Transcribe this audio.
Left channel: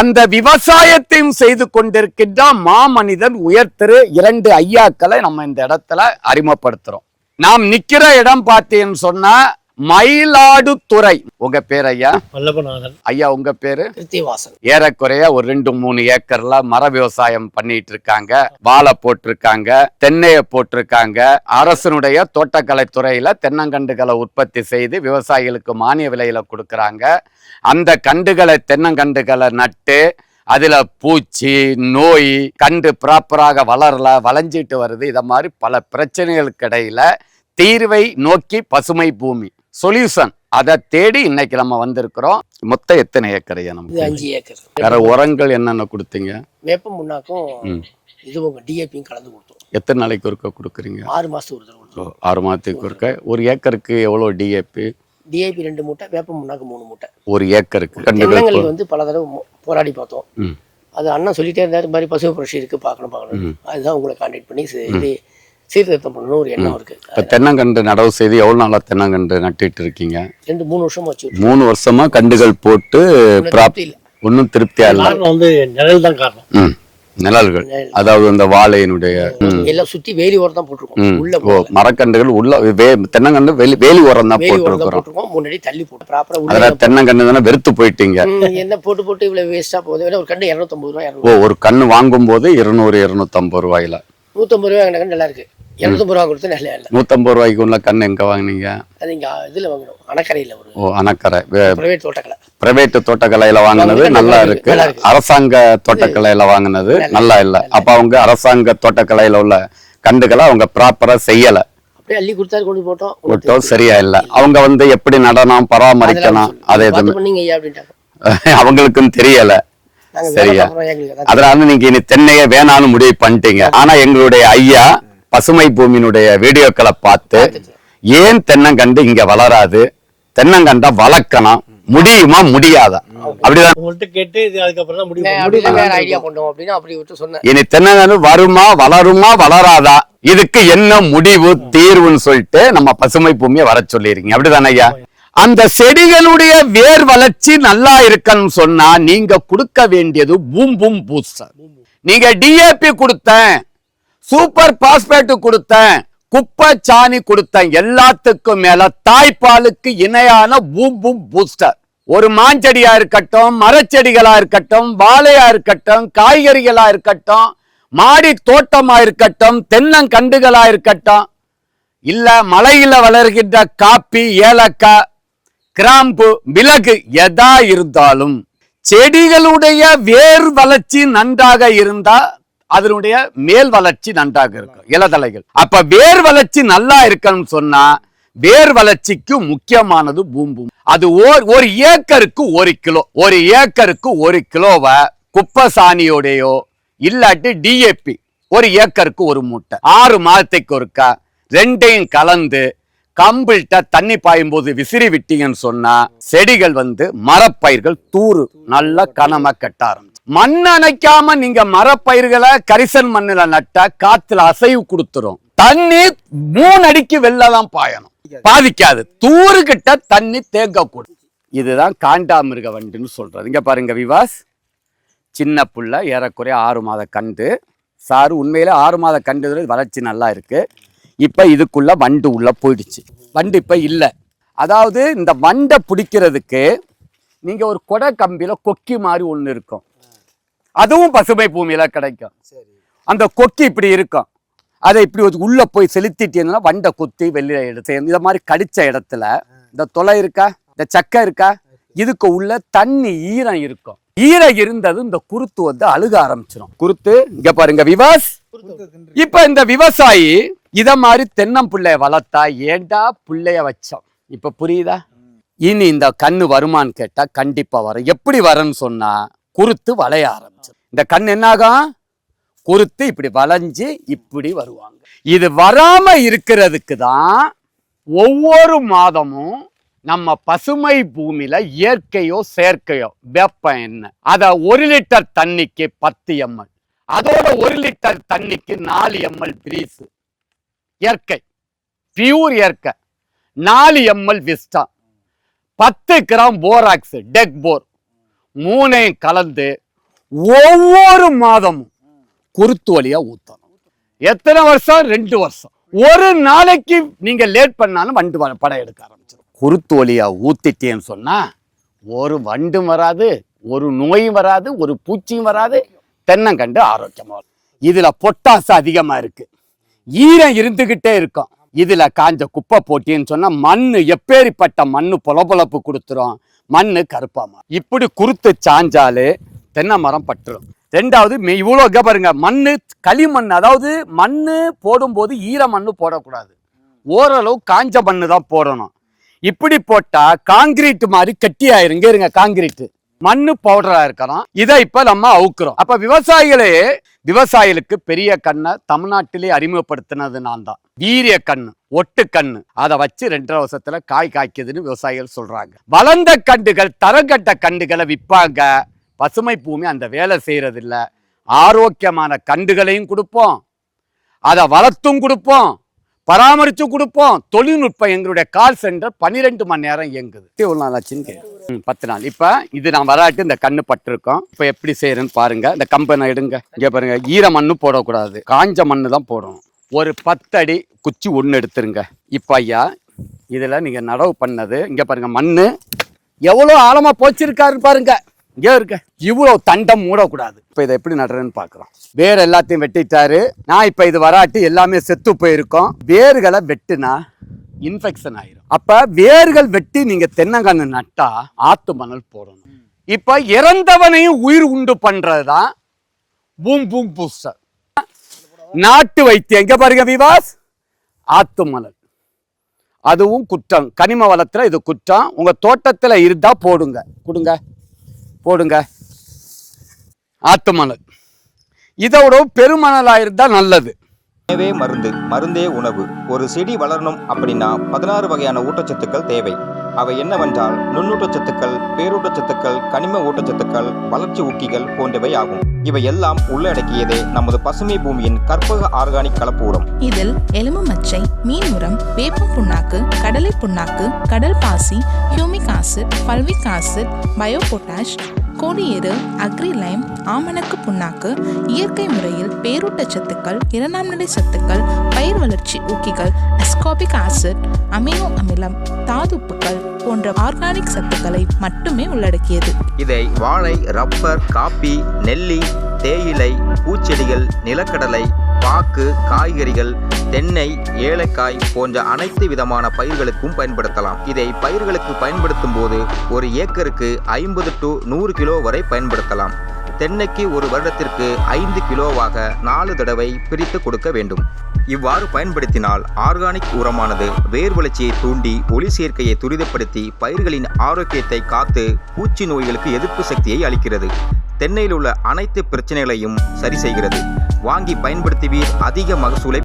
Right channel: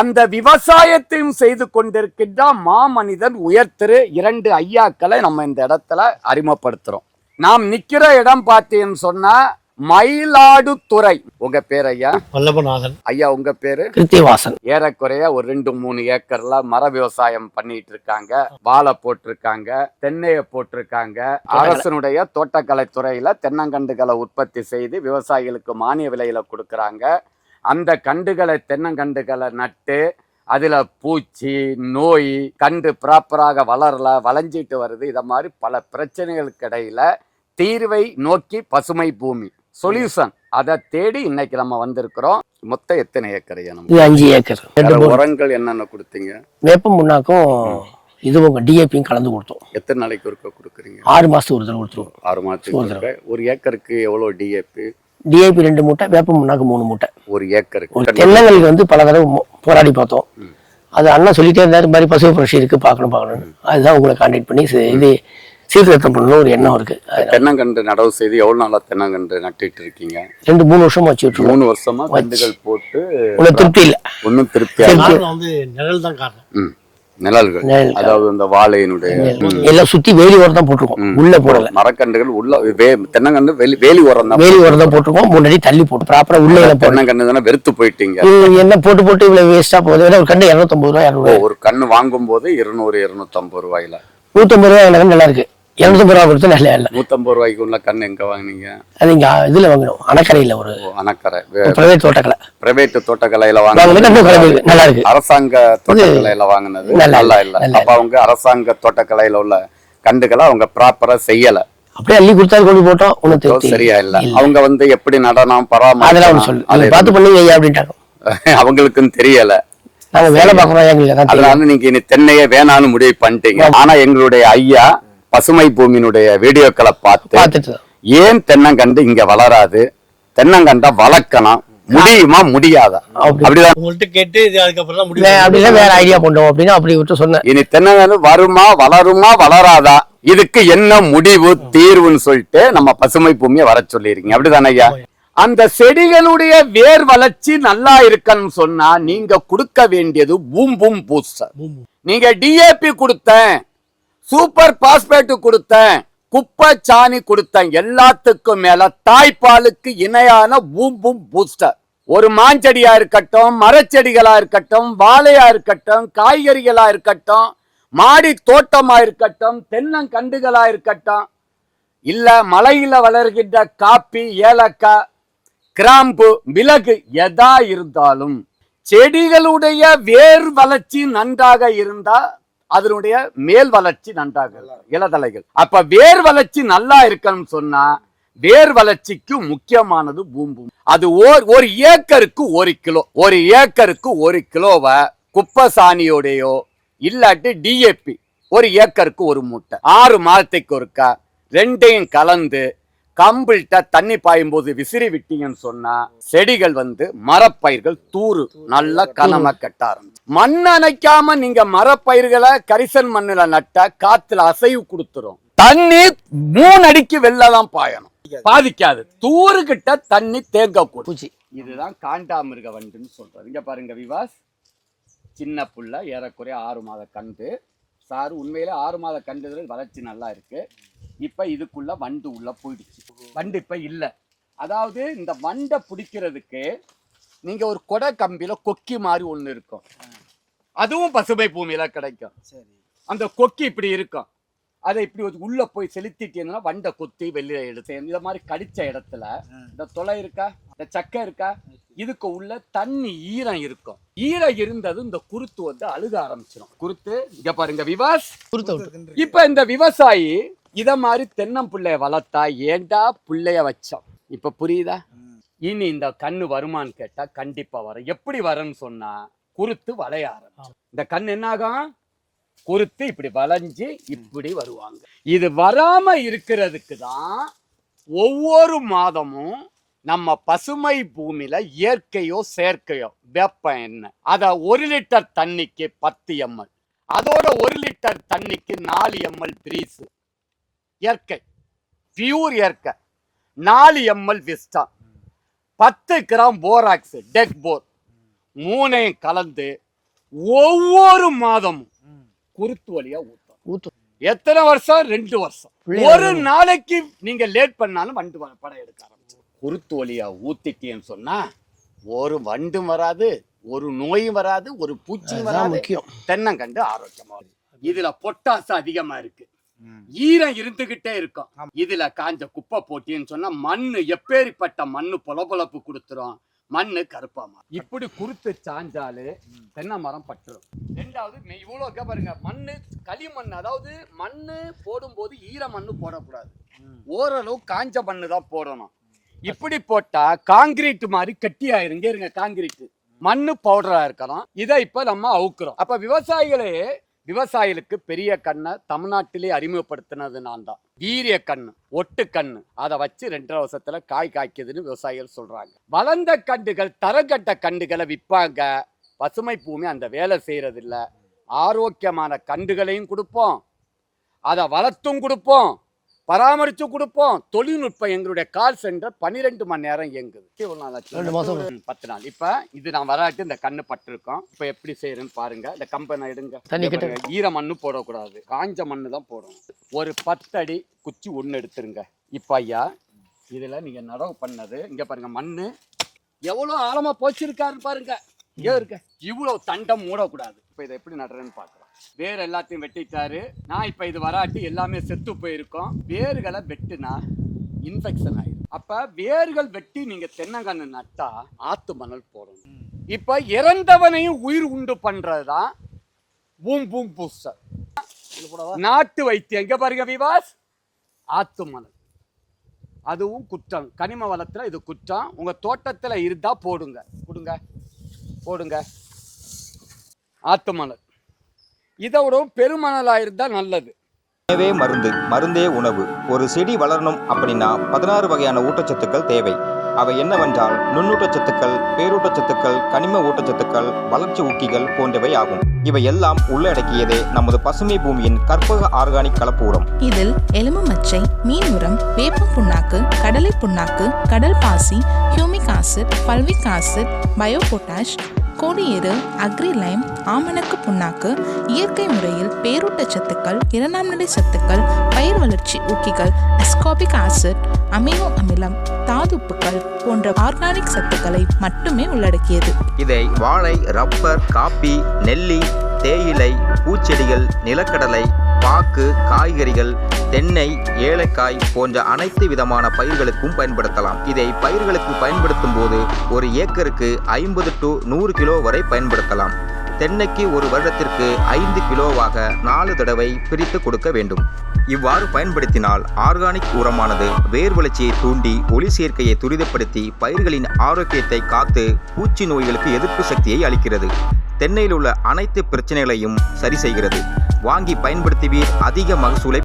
அந்த விவசாயத்தையும் செய்து கொண்டிருக்கின்ற மாமனிதன் உயர்திரு 2 ஐயாக்களை நம்ம இந்த இடத்துல அறிமுகப்படுத்துறோம். நாம் நிக்கிற இடம் பார்த்தீங்கன்னு சொன்னா மயிலாடுதுறை. உங்க பேர் ஐயா? வல்லபநாதன். ஐயா உங்க பேரு? கிருத்திவாசன். ஏறக்குறைய ஒரு 2-3 ஏக்கர்ல மர விவசாயம் பண்ணிட்டு இருக்காங்க. வாழை போட்டிருக்காங்க, தென்னைய போட்டிருக்காங்க. அரசனுடைய தோட்டக்கலை துறையில தென்னங்கண்டுகளை உற்பத்தி செய்து விவசாயிகளுக்கு மானிய விலையில கொடுக்கறாங்க. அந்த கண்டுகளை தென்னங்கண்டுகளை நட்டு அதுல பூச்சி நோய் கண்டு ப்ராப்பராக வளரல, வளைஞ்சிட்டு வருது. இத மாதிரி பல பிரச்சனைகளுக்கு இடையில தீர்வை நோக்கி பசுமை பூமி சொல்யூஷன் அதை தேடி இன்னைக்கு நம்ம வந்திருக்கிறோம். மொத்தம் எத்தனை ஏக்கர்? 5 ஏக்கர். உரங்கள் என்னென்ன கொடுத்தீங்க? வேப்ப முன்னாக்கும் இதுவும் டிஏபியும் கலந்து கொடுத்தோம். எத்தனை நாளைக்கு ஒருக்க கொடுக்குறீங்க? 6 மாசத்துக்கு ஒரு தடவை கொடுத்துருவோம். 6 மாதத்துக்கு ஒருக்க. ஒரு ஏக்கருக்கு எவ்வளவு டிஏபி? டிஏபி 2 மூட்டை, வேப்ப முன்னாக்கு 3 மூட்டை. ஒரு ஏக்கருக்கு. தென்னங்களுக்கு வந்து பல தடவை போராடி பார்த்தோம். அது அண்ணா சொல்லிட்டே இருந்தாரு, மாதிரி பசுமை புரட்சி இருக்கு, பார்க்கணும். அதுதான் உங்களை கான்டாக்ட் பண்ணி இது சீர்திருத்தம் பண்ணணும் ஒரு எண்ணம் இருக்கு. தென்னங்கண்டு நடவு செய்து எவ்வளவு நாளா தென்னங்கண்டு நட்டிட்டு இருக்கீங்க? 2-3 வருஷமா வச்சு 3 வருஷமா கண்டுகள் போட்டு திருப்தி இல்ல. ஒன்னும் திருப்தியா வந்து நிழல் தான் காரணம். நிழல்கள், அதாவது அந்த வாழையினுடைய எல்லாம் சுத்தி வேலி உரம் தான் போட்டிருக்கோம். உள்ள போடல மரக்கண்டுகள், உள்ள தென்னங்கண்டு வேலி உரம் தான் போட்டிருக்கோம். 3 அடி தள்ளி போட்டு ப்ராப்பரா உள்ள தென்னங்கண்டு தானே வெறுத்து போயிட்டீங்க. என்ன போட்டு இவ்வளவு வேஸ்டா போகுது. ஒரு கண்டு 250 ரூபாய். ஒரு கண்ணு வாங்கும் போது 200-250 ரூபாயில. 150 ரூபாய் நல்லா இருக்கு. 250 ரூபாய் கொடுத்து நல்லா இல்ல. 150 ரூபாய்க்கு உள்ள கண்ணு எங்க வாங்கினீங்க? அது இங்க இதுல வாங்கணும், அணக்கரையில. ஒரு அணக்கரை பிரைவேட் தோட்டக்கலை. பிரைவேட் தோட்டக்கலையில வாங்கினது நல்லா இருக்கு. அரசாங்க தோட்டக்கலையில வாங்கினது நல்லா இல்ல. அப்ப அவங்க அரசாங்க தோட்டக்கலையில உள்ள கண்டுகளை அவங்க ப்ராப்பரா செய்யல. அப்படியே அள்ளி கொடுத்தாரு, கொண்டு போட்டோம், சரியா இல்ல. அவங்க வந்து எப்படி நடனம் பராமரிக்கணும் அதை பார்த்து பண்ணுங்க அப்படின்ட்டாங்க. அவங்களுக்கும் தெரியல. அதனால நீங்க இனி தென்னையே வேணாலும் முடிவு பண்ணிட்டீங்க. ஆனா எங்களுடைய ஐயா பசுமை பூமியினுடைய வீடியோக்களை பார்த்து ஏன் தென்னங்கண்டு இங்க வளராது, தென்னங்கண்டா வளர்க்கணும், முடியுமா முடியாதா அப்படிதான் வேற ஐடியா கொண்டோம் அப்படின்னு அப்படி விட்டு சொன்னேன். இனி தென்னங்கண்டு வருமா, வளருமா, வளராதா, இதுக்கு என்ன முடிவு தீர்வுன்னு சொல்லிட்டு நம்ம பசுமை பூமியை வர சொல்லிருக்கீங்க. அப்படிதானே ஐயா? அந்த செடிகளுடைய வேர் வளர்ச்சி நல்லா இருக்கணும் சொன்னா நீங்க கொடுக்க வேண்டியது பூம் பூஸ்டர். நீங்க டிஏபி கொடுத்தேன், சூப்பர் பாஸ்பேட் கொடுத்தேன், குப்பை சாணி கொடுத்தேன், எல்லாத்துக்கும் மேல தாய்ப்பாலுக்கு இணையான பூம் பூஸ்டர். ஒரு மாஞ்செடியா இருக்கட்டும், மரச்செடிகளா இருக்கட்டும், வாழையா இருக்கட்டும், காய்கறிகளா இருக்கட்டும், மாடி தோட்டமா இருக்கட்டும், தென்னங்கண்டுகளா இருக்கட்டும், இல்ல மலையில வளர்கின்ற காப்பி, ஏலக்காய், கிராம்பு, மிளகு எதா இருந்தாலும் செடிகளுடைய வேர் வளர்ச்சி நன்றாக இருந்தா அதனுடைய மேல் வளர்ச்சி நன்றாக இருக்கும், இலதலைகள். அப்ப வேர் வளர்ச்சி நல்லா இருக்கணும்னு சொன்னா வேர் வளர்ச்சிக்கு முக்கியமானது பூம்பு. அது ஒரு ஏக்கருக்கு 1 கிலோ, ஒரு ஏக்கருக்கு 1 கிலோவை குப்பை சாணியோடையோ இல்லாட்டி டிஏபி 1 ஏக்கருக்கு 1 மூட்டை 6 மாதத்துக்கு ஒருக்கா 2யும் கலந்து கம்பிள்கிட்ட தண்ணி பாயும் போது விசிறி விட்டீங்கன்னு சொன்னா செடிகள் வந்து மரப்பயிர்கள் தூறு நல்லா கனமா கட்ட ஆரம்பிச்சு. மண் அணைக்காம நீங்க மரப்பயிர்களை கரிசன் மண்ணுல நட்டா காத்துல அசைவு கொடுத்துரும். தண்ணி 3 அடிக்கு வெளிலதான் பாயணும், பாதிக்காது. தூறு கிட்ட தண்ணி தேங்க கூடும். இதுதான் காண்டாமிருக வண்டுன்னு சொல்றது. இங்க பாருங்க விவாஸ், சின்ன புள்ள, ஏறக்குறைய 6 மாத கண்டு. சாரு உண்மையில 6 மாத கண்டு வளர்ச்சி நல்லா இருக்கு. இப்ப இதுக்குள்ள வண்டு உள்ள போயிடுச்சு. வண்டு இப்ப இல்ல. அதாவது இந்த வண்டை பிடிக்கிறதுக்கு நீங்க ஒரு கொடை கம்பியில கொக்கி மாதிரி ஒண்ணு இருக்கும், அதுவும் பசுமை பூமியில கிடைக்கும். அந்த கொக்கி இப்படி இருக்கும், அதை இப்படி உள்ள போய் செலுத்திட்டீங்கன்னா வண்டை கொத்தி வெளியில எடுத்து இந்த மாதிரி கடிச்ச இடத்துல இந்த தொலை இருக்கா, இந்த சக்கை இருக்கா, இதுக்கு உள்ள தண்ணி ஈரம் இருக்கும். ஈரம் இருந்தது இந்த குருத்து வந்து அழுக ஆரம்பிச்சிடும். குருத்து இங்க பாருங்க விவாஸ். இப்ப இந்த விவசாயி இத மாதிரி தென்னம்பிள்ளைய வளர்த்தா ஏண்டா பிள்ளைய வச்சோம், இப்ப புரியுதா? இனி இந்த கண்ணு வருமானு கேட்டா கண்டிப்பா வரும். எப்படி வரும்னு சொன்னா குருத்து வளைய ஆரம்பிச்சு இந்த கண் என்னாகும், குருத்து இப்படி வளைஞ்சு இப்படி வருவாங்க. இது வராம இருக்கிறதுக்கு தான் ஒவ்வொரு மாதமும் நம்ம பசுமை பூமியில இயற்கையோ செயற்கையோ வெப்பம் என்ன, அத 1 லிட்டர் தண்ணிக்கு 10 ml, அதோட 1 லிட்டர் தண்ணிக்கு 4 ml பிரீஸ் இயற்கை, பியூர் இயற்கை, 4 ml விஸ்டா, 10 கிராம் போராக்ஸ் டெக் போர், 3 கலந்து ஒவ்வொரு மாதமும் குருத்து வழியா ஊத்தணும். எத்தனை வருஷம்? 2 வருஷம். ஒரு நாளைக்கு நீங்க லேட் பண்ணாலும் வண்டு படம் எடுக்க ஆரம்பிச்சிடும். குருத்து வழியா ஊத்திட்டேன்னு சொன்னா ஒரு வண்டும் வராது, ஒரு நோயும் வராது, ஒரு பூச்சியும் வராது. தென்னங்கண்டு ஆரோக்கியமா. இதுல பொட்டாசு அதிகமா இருக்கு, ஈரம் இருந்துகிட்டே இருக்கும். இதுல காஞ்ச குப்பை போட்டின்னு சொன்னா மண்ணு எப்பேரிப்பட்ட மண்ணு பொலப்பொலப்பு கொடுத்துரும், மண்ணு கருப்பாமா. இப்படி குருத்து சாஞ்சாலே தென்னை மரம் பட்டுரும். ரெண்டாவது இவ்வளோ பாருங்க, மண்ணு களிமண், அதாவது மண்ணு போடும்போது ஈர மண்ணு போடக்கூடாது, ஓரளவு காஞ்ச மண்ணு தான் போடணும். இப்படி போட்டா காங்கிரீட் மாதிரி கட்டி ஆயிருங்க. இருங்க, காங்கிரீட் மண்ணு பவுடரா இருக்கணும். இதை இப்ப நம்ம அவுக்குறோம். அப்ப விவசாயிகளுக்கு பெரிய கண்ணை தமிழ்நாட்டிலே அறிமுகப்படுத்தினது நான் தான். வீரிய கண்ணு, ஒட்டு கண்ணு, அதை வச்சு 2.5 வருஷத்துல காய் காய்க்குதுன்னு விவசாயிகள் சொல்றாங்க. வளர்ந்த கண்டுகள், தரங்கட்ட கண்டுகளை விற்பாங்க. பசுமை பூமி அந்த வேலை செய்யறது இல்ல. ஆரோக்கியமான கண்டுகளையும் கொடுப்போம், அதை வளர்த்தும் கொடுப்போம், பராமரிச்சு கொடுப்போம். தொழில்நுட்பம் எங்களுடைய கால் சென்டர் 12 மணி நேரம் இயங்குது. 10 நாள். இப்ப இது நான் வராட்டு இந்த கண்ணு பட்டிருக்கோம். இப்ப எப்படி செய்யறேன்னு பாருங்க. இந்த கம்பனை எடுங்க. இங்க பாருங்க, ஈர மண்ணு போடக்கூடாது, காஞ்ச மண்ணு தான் போடணும். ஒரு 10 அடி குச்சி ஒண்ணு எடுத்துருங்க. இப்ப ஐயா இதுல நீங்க நடவு பண்ணது இங்க பாருங்க, மண்ணு எவ்வளவு ஆழமா போச்சிருக்காருன்னு பாருங்க. இங்கே இருக்க இவ்வளவு தண்டம் மூடக்கூடாது. இப்ப இதை எப்படி நடுறேன்னு பாக்குறோம். வேர் எல்லாத்தையும் வெட்டிட்டாரு. நான் இப்ப இது வராட்டி எல்லாமே செத்து போயிருக்கோம். வேர்களை வெட்டுனா இன்ஃபெக்ஷன் ஆயிடும். அப்ப வேர்கள் வெட்டி நீங்க தென்னங்கன்று நட்டா ஆத்து மணல் போடணும். இப்ப இறந்தவனையும் உயிர் உண்டு பண்றதுதான் பூம் பூம் பூஸ்டர். நாட்டு வைத்தியம் எங்க பாருங்க விவாஸ், ஆத்து மணல். அதுவும் குற்றம், கனிம வளத்துல இது குற்றம். உங்க தோட்டத்துல இருந்தா போடுங்க, போடுங்க ஆத்து மணல். இதோட பெருமணலா இருந்தா நல்லது. உணவே மருந்து, மருந்தே உணவு. ஒரு செடி வளரணும் அப்படின்னா 16 வகையான ஊட்டச்சத்துக்கள் தேவை. அவை என்னவென்றால் நுண்ணூட்டச்சத்துக்கள், பேரூட்டச்சத்துக்கள், கனிம ஊட்டச்சத்துக்கள், வளர்ச்சி ஊக்கிகள் போன்றவை ஆகும். இவை எல்லாம் உள்ளடக்கியதே நமது பசுமை பூமியின் கற்பக ஆர்கானிக் கலப்பூரம். இதில் எலும்பு மச்சை, மீன் உரம், வேப்பம் புண்ணாக்கு, கடலை புண்ணாக்கு, கடல் பாசி, humic acid, fulvic acid, bio potash, கோடியேறு, அக்ரிலைம், ஆமணக்கு புண்ணாக்கு, இயற்கை முறையில் பேரூட்டச்சத்துக்கள், 2ஆம் நிலை சத்துக்கள், பயிர் வளர்ச்சி ஊக்கிகள், அஸ்கார்பிக் ஆசிட், அமினோ அமிலம், தாதுப்புக்கள் போன்ற ஆர்கானிக் சத்துக்களை மட்டுமே உள்ளடக்கியது. இதை வாழை, ரப்பர், காப்பி, நெல்லி, தேயிலை, பூச்செடிகள், நிலக்கடலை, பாக்கு, காய்கறிகள், தென்னை, ஏலக்காய் போன்ற அனைத்து விதமான பயிர்களுக்கும் பயன்படுத்தலாம். இதை பயிர்களுக்கு பயன்படுத்தும் போது ஒரு ஏக்கருக்கு 50 to 100 கிலோ வரை பயன்படுத்தலாம். தென்னைக்கு ஒரு வருடத்திற்கு 5 கிலோவாக 4 தடவை பிரித்து கொடுக்க வேண்டும். இவ்வாறு பயன்படுத்தினால் ஆர்கானிக் உரமானது வேர் வளர்ச்சியை தூண்டி ஒளி சேர்க்கையை துரிதப்படுத்தி பயிர்களின் ஆரோக்கியத்தை காத்து பூச்சி நோய்களுக்கு எதிர்ப்பு சக்தியை அளிக்கிறது. தென்னையில் உள்ள அனைத்து பிரச்சனைகளையும் சரி செய்கிறது. வாங்கி பயன்படுத்துவீர், அதிக மகசூலை